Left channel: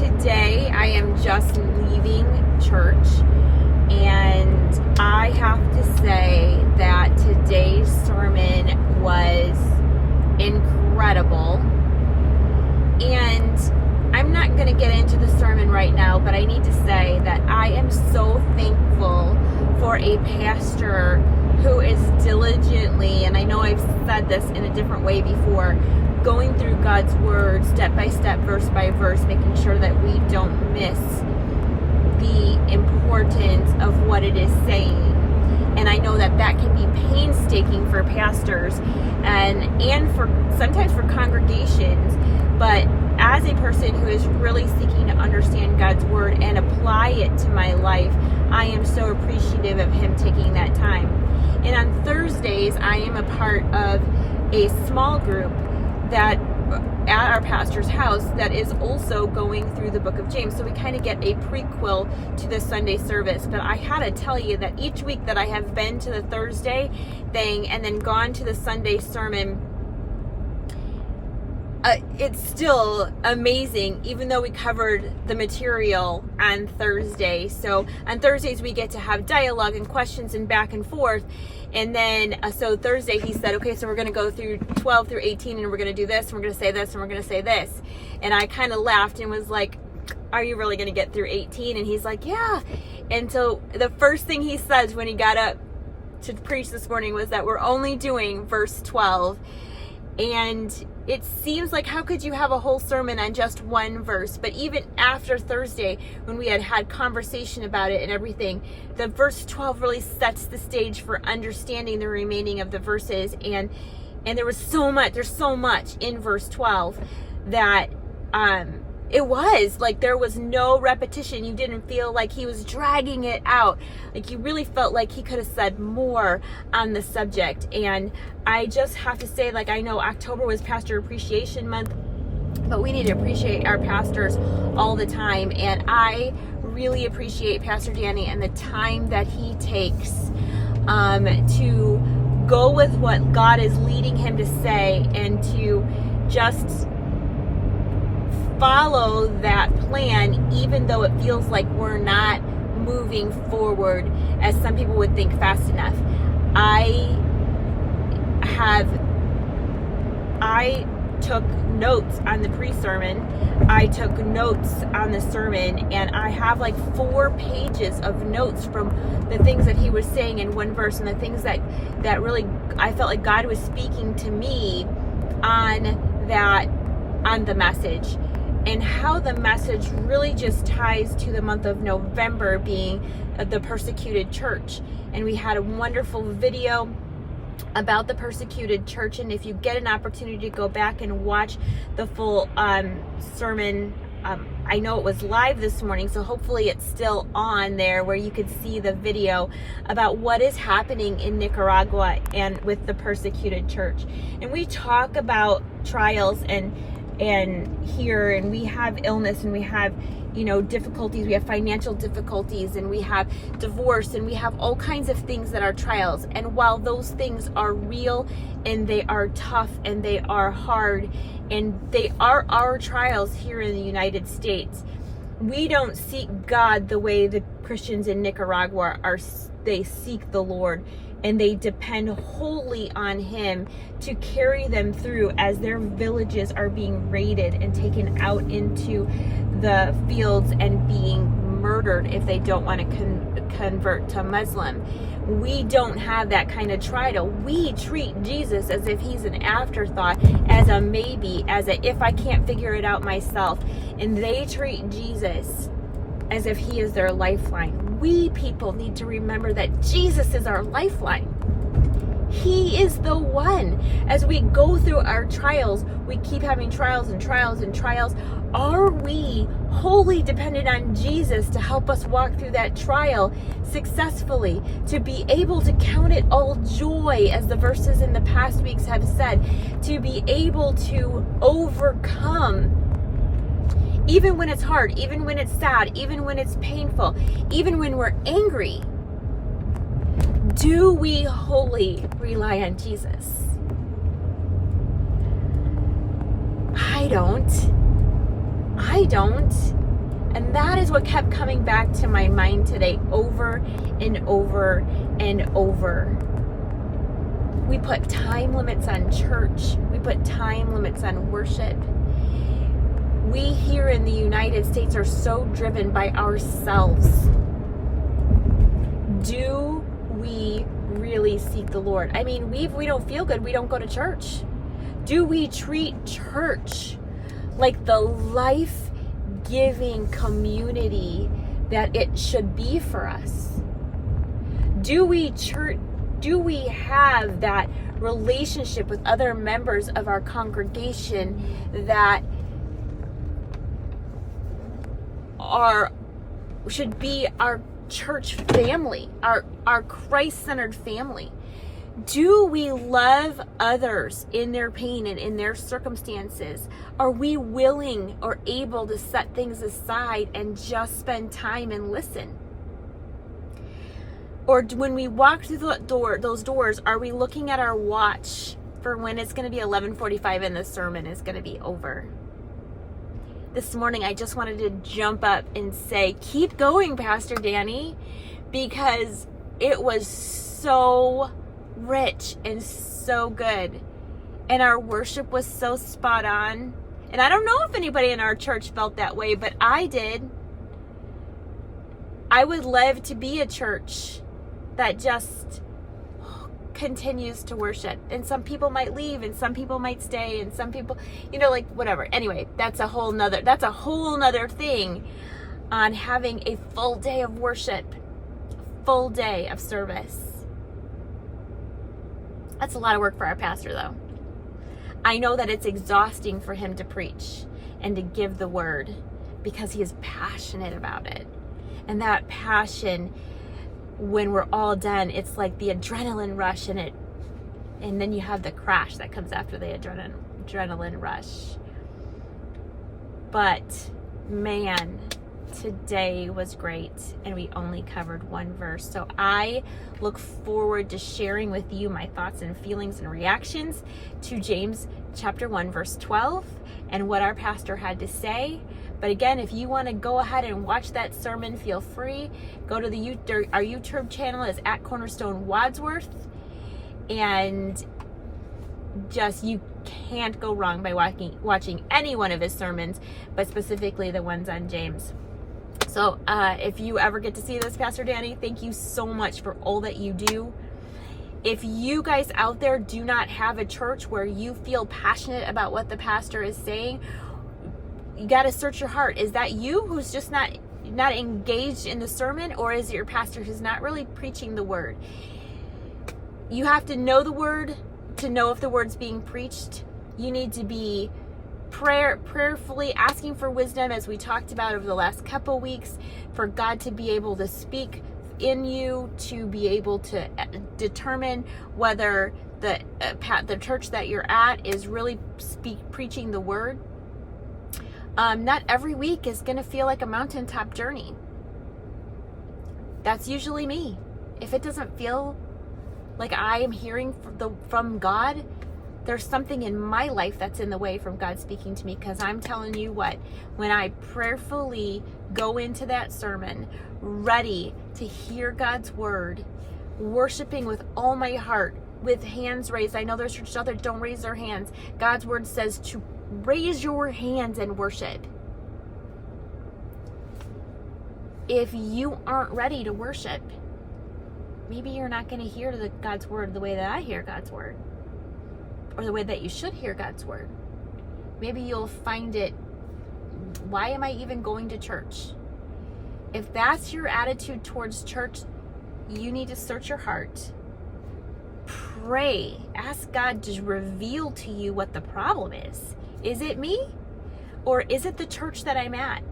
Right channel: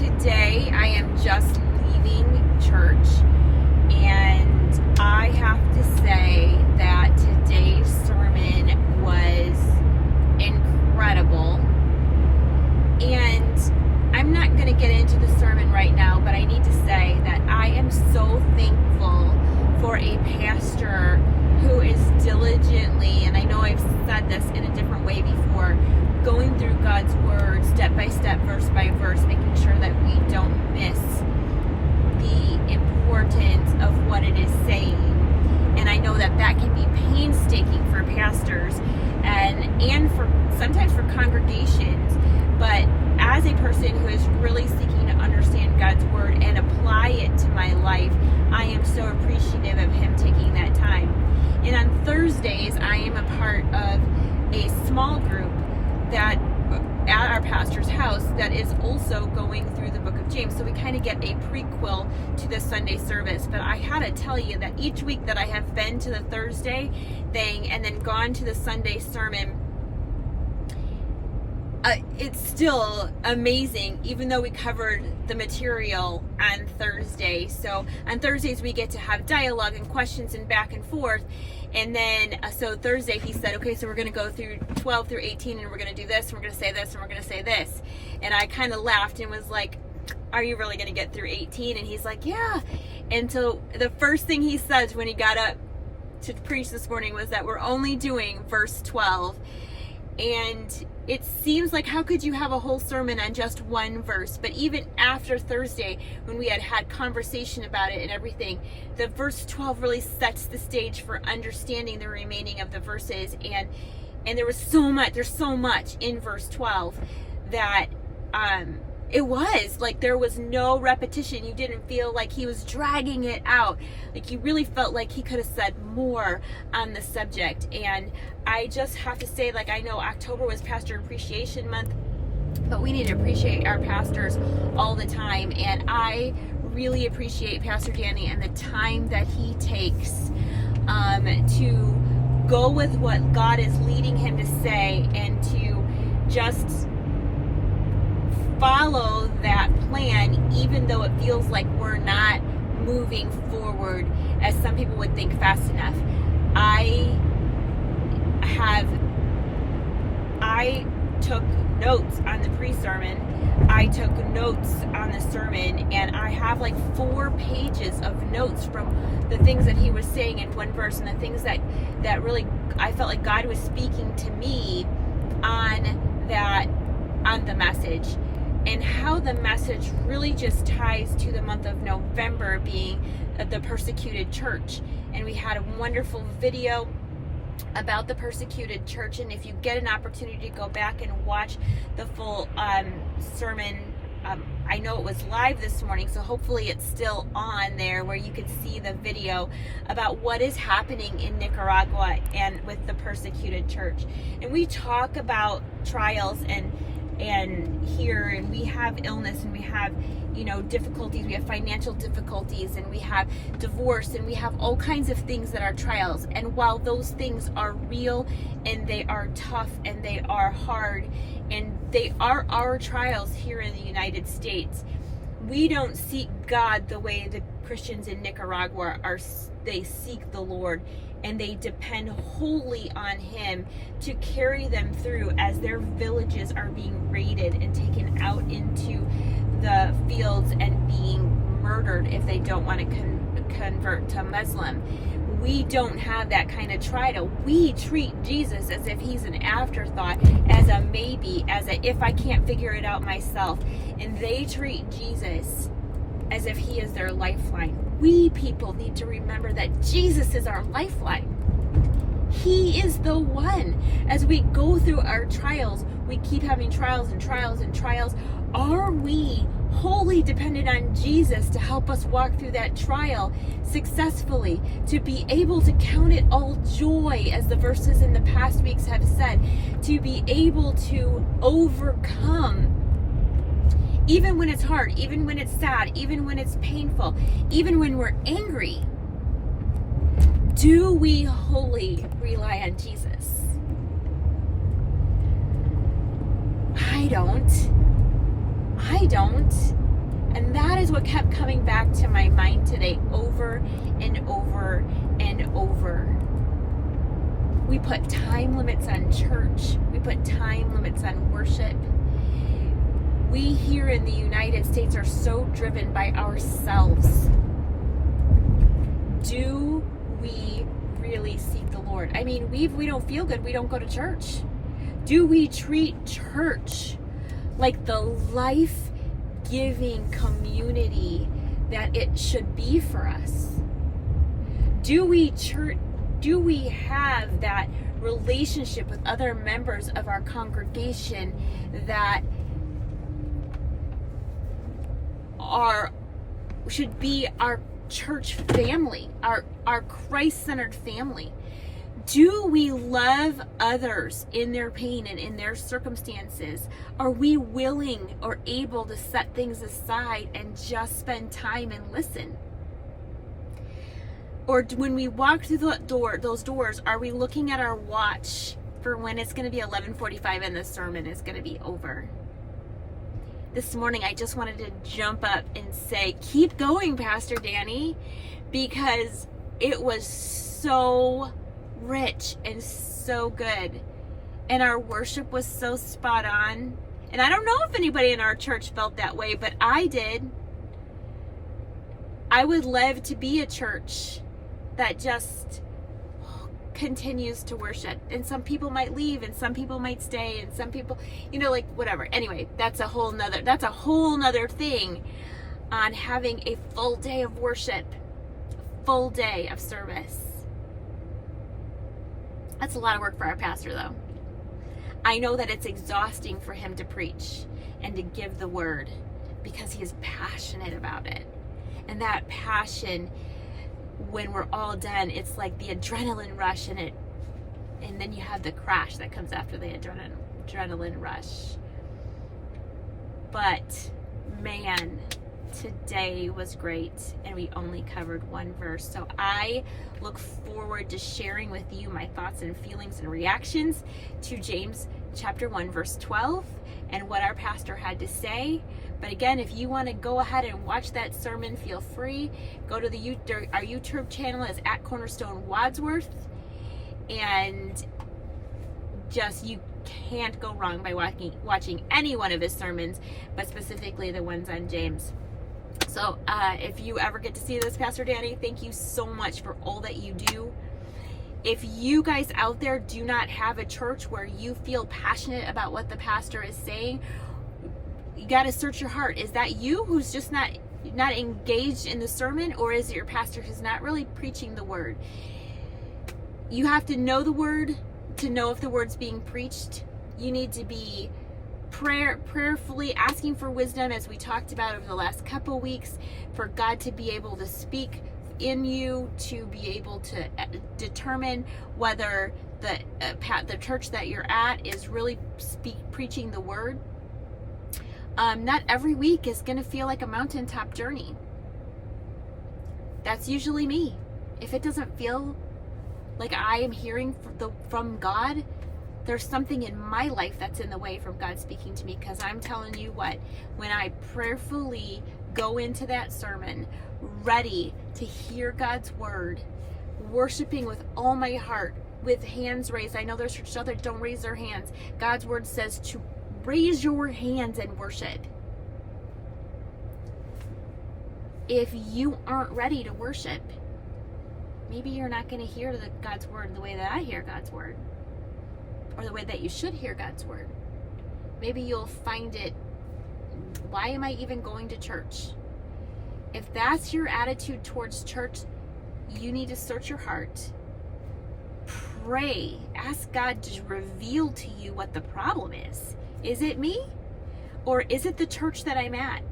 today I am just leaving church, and I have to say that today's sermon was incredible. And I'm not going to get into the sermon right now, but I need to say that I am so thankful for a pastor who is diligently, and I know I've said this in a different way before, going through God's word step by step, verse by verse, making sure that we don't miss the importance of what it is saying. And I know that that can be painstaking for pastors and for sometimes for congregations, but as a person who is really seeking to understand God's word and apply it to my life, I am so appreciative of him taking that time. And on Thursdays, I am a part of a small group that at our pastor's house that is also going through the book of James. So we kind of get a prequel to the Sunday service. But I had to tell you that each week that I have been to the Thursday thing and then gone to the Sunday sermon, it's still amazing, even though we covered the material on Thursday. So on Thursdays, we get to have dialogue and questions and back and forth. And then, so Thursday, he said, okay, so we're going to go through 12 through 18, and we're going to do this, and we're going to say this, and we're going to say this. And I kind of laughed and was like, are you really going to get through 18? And he's like, yeah. And so the first thing he says when he got up to preach this morning was that we're only doing verse 12. And it seems like, how could you have a whole sermon on just one verse? But even after Thursday, when we had conversation about it and everything, the verse 12 really sets the stage for understanding the remaining of the verses. And there's so much in verse 12 that it was like there was no repetition. You didn't feel like he was dragging it out. Like you really felt like he could have said more on the subject. And I just have to say, like, I know October was Pastor Appreciation Month, but we need to appreciate our pastors all the time. And I really appreciate Pastor Danny and the time that he takes to go with what God is leading him to say and to just follow that plan, even though it feels like we're not moving forward as some people would think fast enough. I took notes on the pre-sermon. I took notes on the sermon, and I have like 4 pages of notes from the things that he was saying in one verse and the things that really I felt like God was speaking to me on the message. And how the message really just ties to the month of November being the persecuted church. And we had a wonderful video about the persecuted church. And if you get an opportunity to go back and watch the full sermon, I know it was live this morning, so hopefully it's still on there where you could see the video about what is happening in Nicaragua and with the persecuted church. And we talk about trials and here, and we have illness, and we have difficulties, we have financial difficulties, and we have divorce, and we have all kinds of things that are trials. And while those things are real and they are tough and they are hard and they are our trials here in the United States, we don't seek God the way the Christians in Nicaragua are. They seek the Lord, and they depend wholly on him to carry them through as their villages are being raided and taken out into the fields and being murdered if they don't want to convert to Muslim. We don't have that kind of trial. We treat Jesus as if he's an afterthought, as a maybe, as a if I can't figure it out myself. And they treat Jesus as if he is their lifeline. We people need to remember that Jesus is our lifeline. He is the one. As we go through our trials, we keep having trials and trials and trials. Are we wholly dependent on Jesus to help us walk through that trial successfully, to be able to count it all joy, as the verses in the past weeks have said, to be able to overcome even when it's hard, even when it's sad, even when it's painful, even when we're angry? Do we wholly rely on Jesus? I don't. And that is what kept coming back to my mind today, over and over and over. We put time limits on church. We put time limits on worship. We here in the United States are so driven by ourselves. Do we really seek the Lord? I mean, we don't feel good, we don't go to church. Do we treat church like the life-giving community that it should be for us? Do we have that relationship with other members of our congregation that should be our church family, our Christ-centered family? Do we love others in their pain and in their circumstances? Are we willing or able to set things aside and just spend time and listen? Or when we walk through those doors, are we looking at our watch for when it's going to be 11:45 and the sermon is going to be over? This morning, I just wanted to jump up and say, keep going, Pastor Danny, because it was so rich and so good. And our worship was so spot on. And I don't know if anybody in our church felt that way, but I did. I would love to be a church that just continues to worship. And some people might leave and some people might stay and some people, like whatever. Anyway, that's a whole nother thing on having a full day of worship, full day of service. That's a lot of work for our pastor though. I know that it's exhausting for him to preach and to give the word because he is passionate about it. And that passion, when we're all done, it's like the adrenaline rush and then you have the crash that comes after the adrenaline rush. But man, today was great and we only covered one verse. So I look forward to sharing with you my thoughts and feelings and reactions to James chapter 1 verse 12 and what our pastor had to say. But again, if you want to go ahead and watch that sermon, feel free. Go to our YouTube channel is at Cornerstone Wadsworth. And just, you can't go wrong by watching any one of his sermons, but specifically the ones on James. So if you ever get to see this, Pastor Danny, thank you so much for all that you do. If you guys out there do not have a church where you feel passionate about what the pastor is saying, you got to search your heart. Is that you who's just not engaged in the sermon, or is it your pastor who's not really preaching the word? You have to know the word to know if the word's being preached. You need to be prayerfully asking for wisdom, as we talked about over the last couple weeks, for God to be able to speak in you, to be able to determine whether the church that you're at is really preaching the word. Not every week is going to feel like a mountaintop journey. That's usually me. If it doesn't feel like I am hearing from God, there's something in my life that's in the way from God speaking to me. Because I'm telling you what, when I prayerfully go into that sermon, ready to hear God's word, worshiping with all my heart, with hands raised. I know there's churches out there that don't raise their hands. God's word says to raise your hands and worship. If you aren't ready to worship, maybe you're not going to hear God's word the way that I hear God's word, or the way that you should hear God's word. Maybe you'll find it, why am I even going to church? If that's your attitude towards church, you need to search your heart. Pray. Ask God to reveal to you what the problem is. Is it me? Or is it the church that I'm at?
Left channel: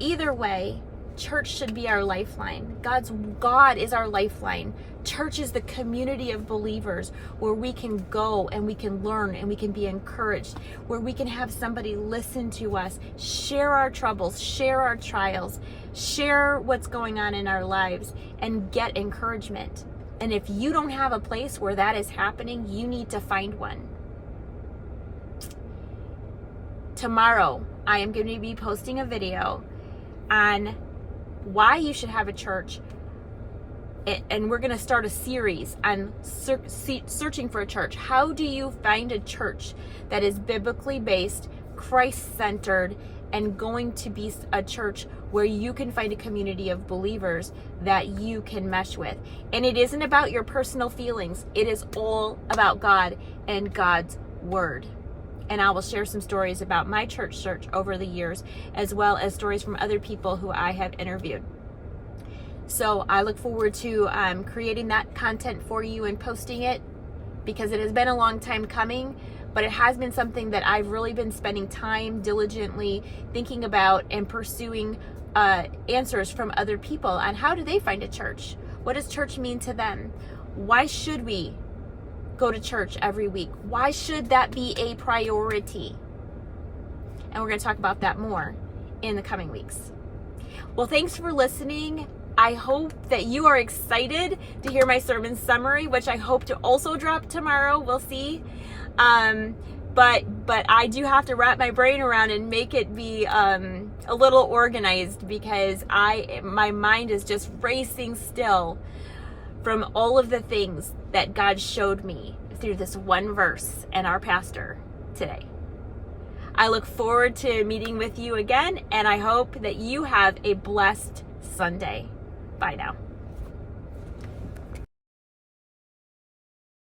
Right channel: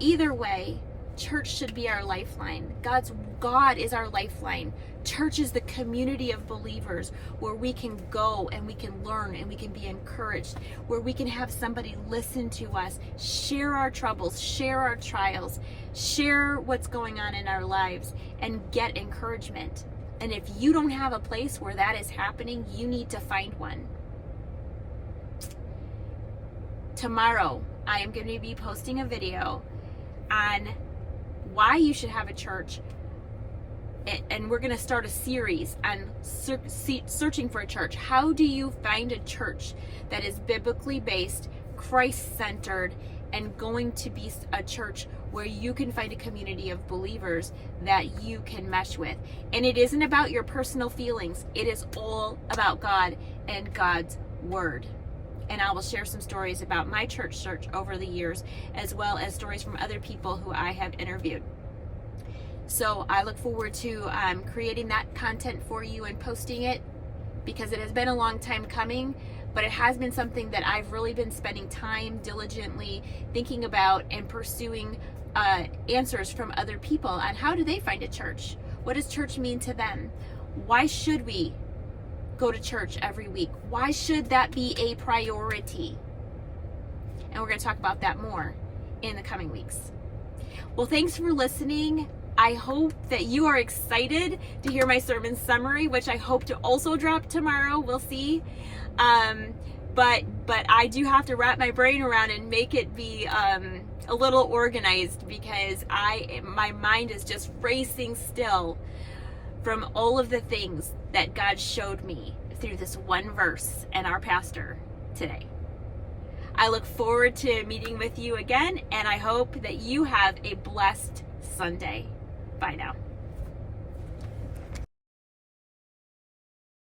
Either way, church should be our lifeline. God is our lifeline. Church is the community of believers where we can go and we can learn and we can be encouraged, where we can have somebody listen to us, share our troubles, share our trials, share what's going on in our lives, and get encouragement. And if you don't have a place where that is happening, you need to find one. Tomorrow, I am going to be posting a video on why you should have a church, and we're going to start a series on searching for a church. How do you find a church that is biblically based, Christ-centered, and going to be a church where you can find a community of believers that you can mesh with? And it isn't about your personal feelings. It is all about God and God's word. And I will share some stories about my church search over the years, as well as stories from other people who I have interviewed. So I look forward to creating that content for you and posting it, because it has been a long time coming, but it has been something that I've really been spending time diligently thinking about and pursuing answers from other people on how do they find a church? What does church mean to them? Why should we go to church every week? Why should that be a priority? And we're going to talk about that more in the coming weeks. Well, thanks for listening. I hope that you are excited to hear my sermon summary, which I hope to also drop tomorrow. We'll see. But I do have to wrap my brain around and make it be a little organized, because my mind is just racing still from all of the things that God showed me through this one verse and our pastor today. I look forward to meeting with you again, and I hope that you have a blessed Sunday. Bye now.